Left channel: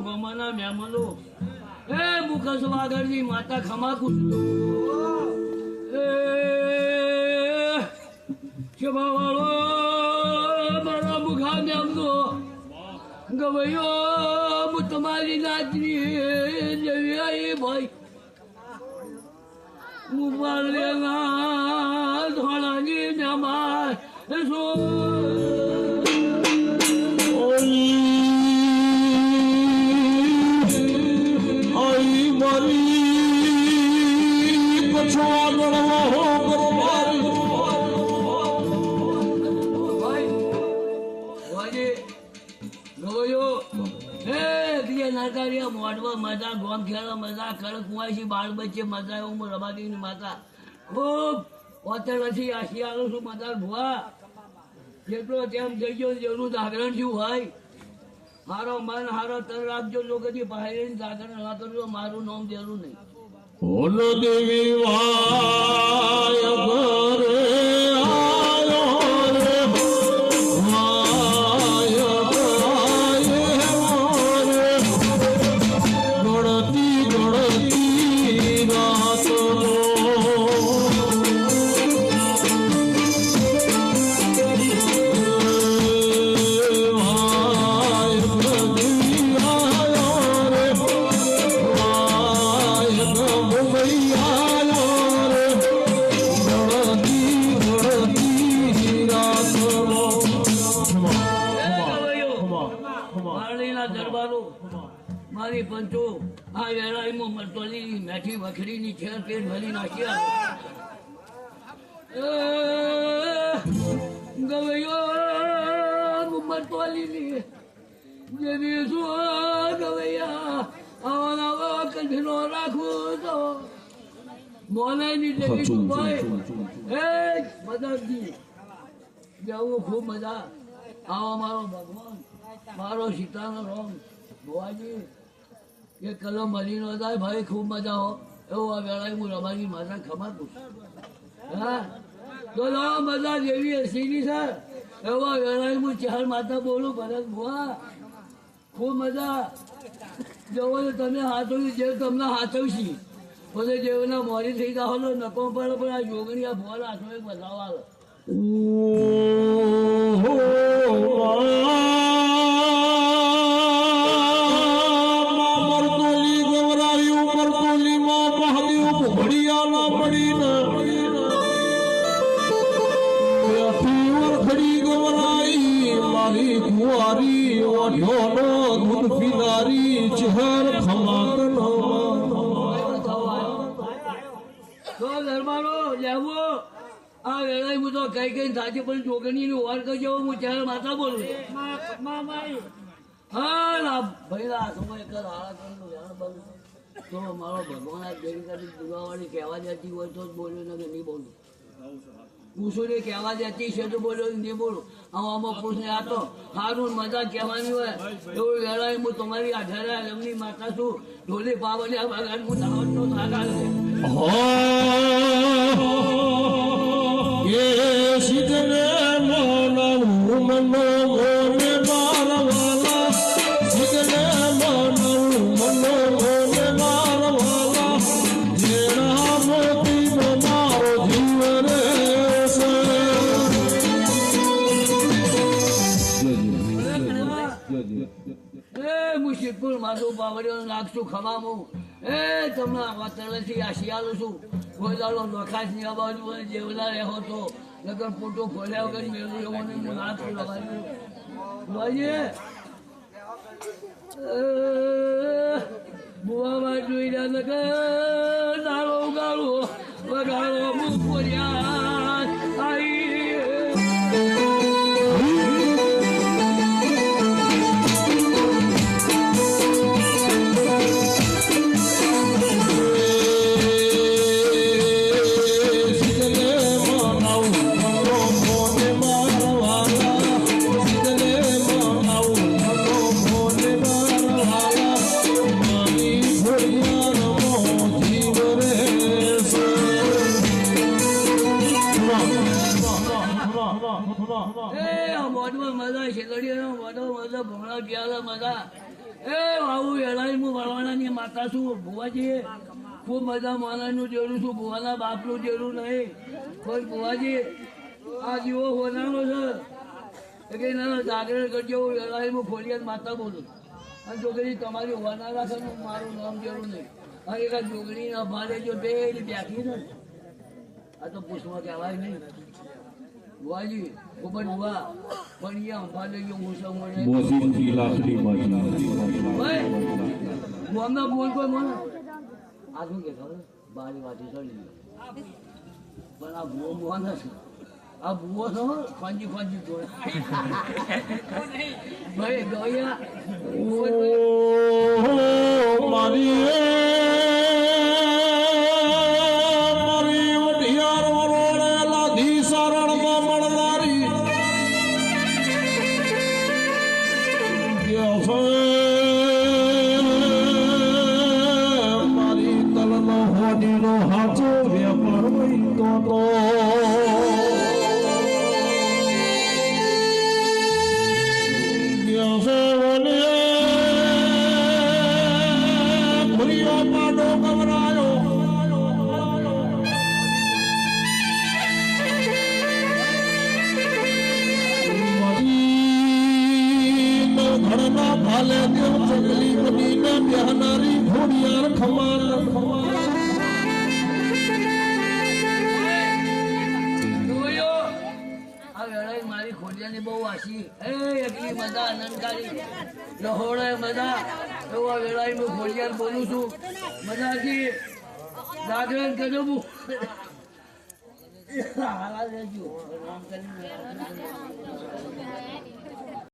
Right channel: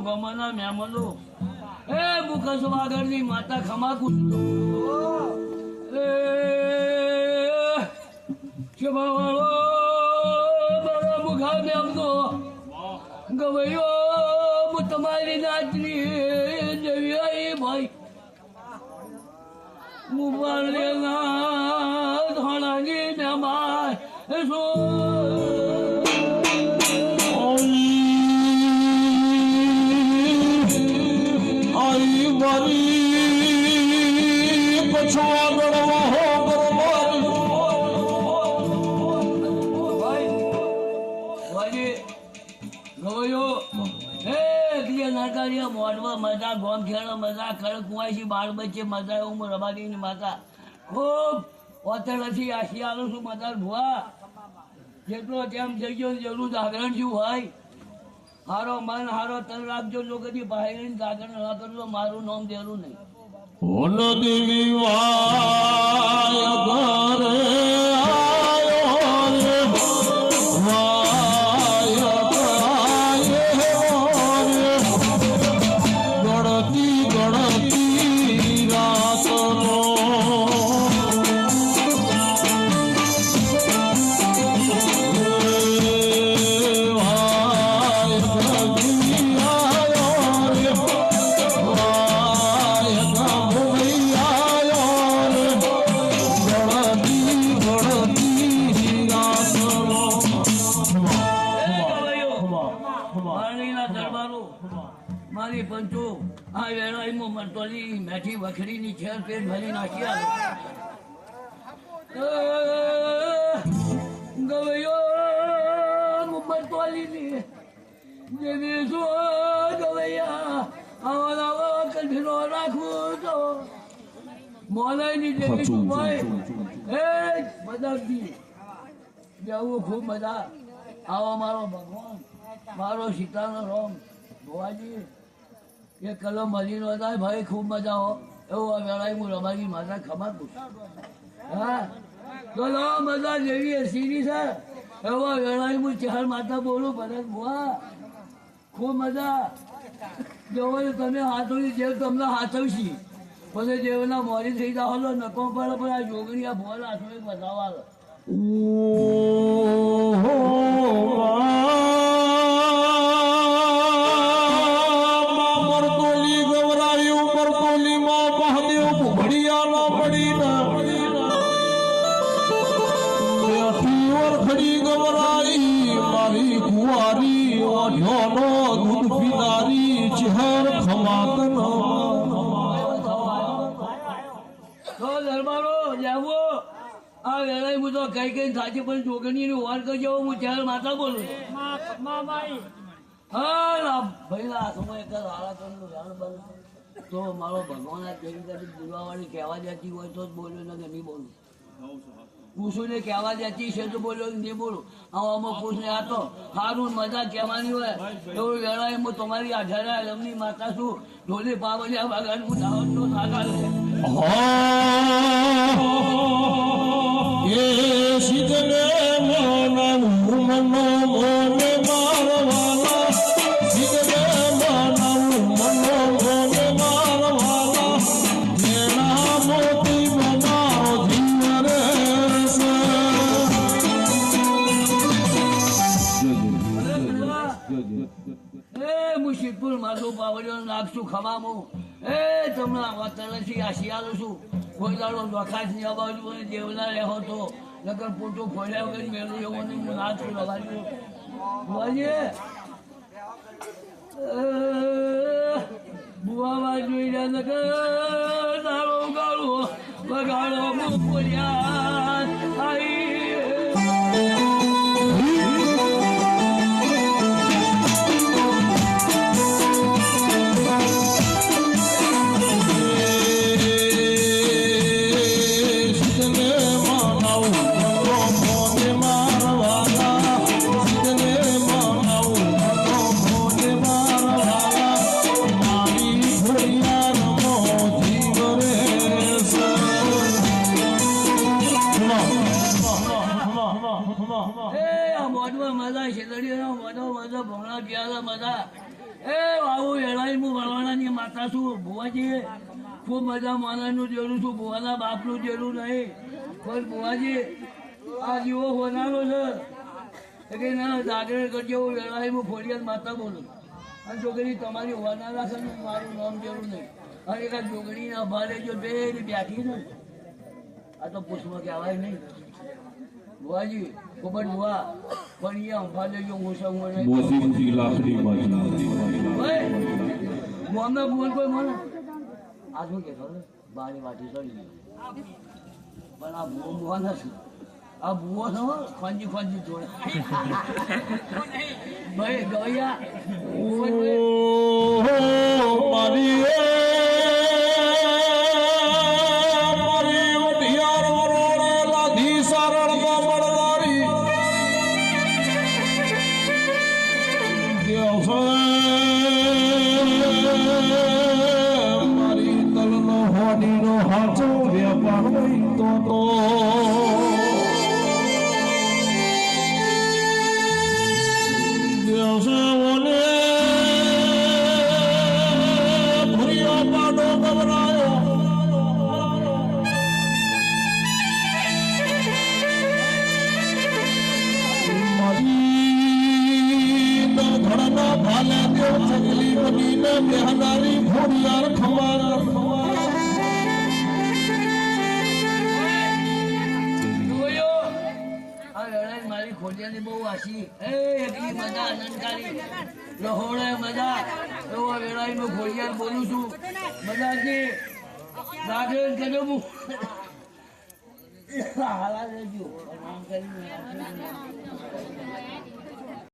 ગોમાના મહેમાનો એ મુખસ વાગડની માતા ખમા કુસલો એ શિવાળો મારા મુખા મેમનો ગવૈયો હું તમારી નાચની જેવી ભાઈ મુબાલેના ધોળાની મહેમાન મજા ગોમ ખેડો મજા ખડક કુવાસી બાળ બચ્ચે મજા એવું રબાગીની માતા ખૂબ ઓતરથી આશી આલું છું મજા ભુવા જેટલો તેમ જઈજો જરૂર જાગરણ શું હોય હારો મન હારો તન રાખજો લોકોની બહાર જાગરણ ના કરજો મારું નામ જરૂર નહીં દેવી વાય ઘરે મારી પંચો આ વેળાઈમાં મરતોલી મેઠી વખડીની છેર પેટ ભરી નાખ્યા ગવૈયો મરતોલીની જેવી શું ગવૈયા આવા કંઠીનો રાખવું તો મોલાઈની જેવી સુભાઈ એ બધાજી જવું ખૂબ મજા આવો મારો ભગવાન મારો સીતાનો રોમ ભુવાજી એ કલો મળી નો થાય ભાઈ ખૂબ મજા હો એવું આ વેળાએ હું રબાજી માતા ખબર પૂછું હા તો મજા જેવી સીરી છે એવું આ વેળાએ હું ચાર માતા બોલું ભરત ભુવા ખૂબ મજા જવો તમે હાથોની જેવ તમને હાથવશી પછી જેવના મોરી થઈ જાવ નકો પડે પણ આ જોગણી આ ભુવા હાથો બતાવવા કઈ કઈ સાચી પણ જોગણી વાર કરજો હું ચાર માતા બોલું હા ભાઈ તો મારો ભગવાન આ દેવી દુર્ગાવાળી કહેવા દેતી હોય તો જ બોલ્યો ને નહીં બોલું પૂછું ને કહેવા દેતી છે તો બોલ્યો નહીં બોલું આમાં પૂછને આ તો સારું મજા કહેવાની હોય એવું વેળાએ હું તમારી આધારે લમની માતા છું ઢોલી પાવલી આ બાગાન હું દાવતનો સાગા લે શીતને મનો મોને મારવાલા શીતને મનો મોને મારવાલા જેણા મોતી મારો જીવ રે એ મુશીદપુર માધુ પાવડિયો નાખશું ખમામું એ તમને વાતરથી આ શિયાળું છું કોઈ દાડો લખાશ ની અબાજુ જેવલા રહો તો લગન પોટો ખોલ્યા કરી મેળવું એવું નહીં નાચ લગાડ્યું બોલીએ બુઆવા જોઈને લગન નાળો ઉગાડો વગાડો મુખોરિયા આવી એ આવું એળાઈનું વળવાનાની માતા છું ભુવાજી ખૂબ મજા માનાનું જેવું છું ભુવાના બાપનું જેવું નહીં પણ ભુવાજી આ જીવો હોનારો છે કે ના જાગરણ કરજો એળાઈનું ફોડિયાદ માતા બોલું અને છોકરી તમારી હોનારા છે મારું નામ જરૂર નહીં અને એક છોકરી અભારે જો બે બેઠી ને આ તો પુષ્પમાં કહેવાય નહીં ભુવાજી ખૂબ જ ભુવા પણ એ અંફાલે જો મુસંગોને મોમના બોલ કોઈ મને આ શું કે ખબર બારી વાટી ચડી પણ આ ભૂવો ભુવા નથી આ ભૂવો છે ખંજી ખંજી જોડે ભાઈ ગવૈયા મારી મારી તલનો હોડીનો હાચો વેપાર નહીં તો બેહનારી ઘોડિયાર ખમાર મારી ખોડિયાની બહુ આશી એ એકલી મજા આનંદકારી લહોળે મજા એવા વેળાઈ હું ખોડિયાર બોલું છું મજાથી જાગરણ કરજો હું હાલા દેજો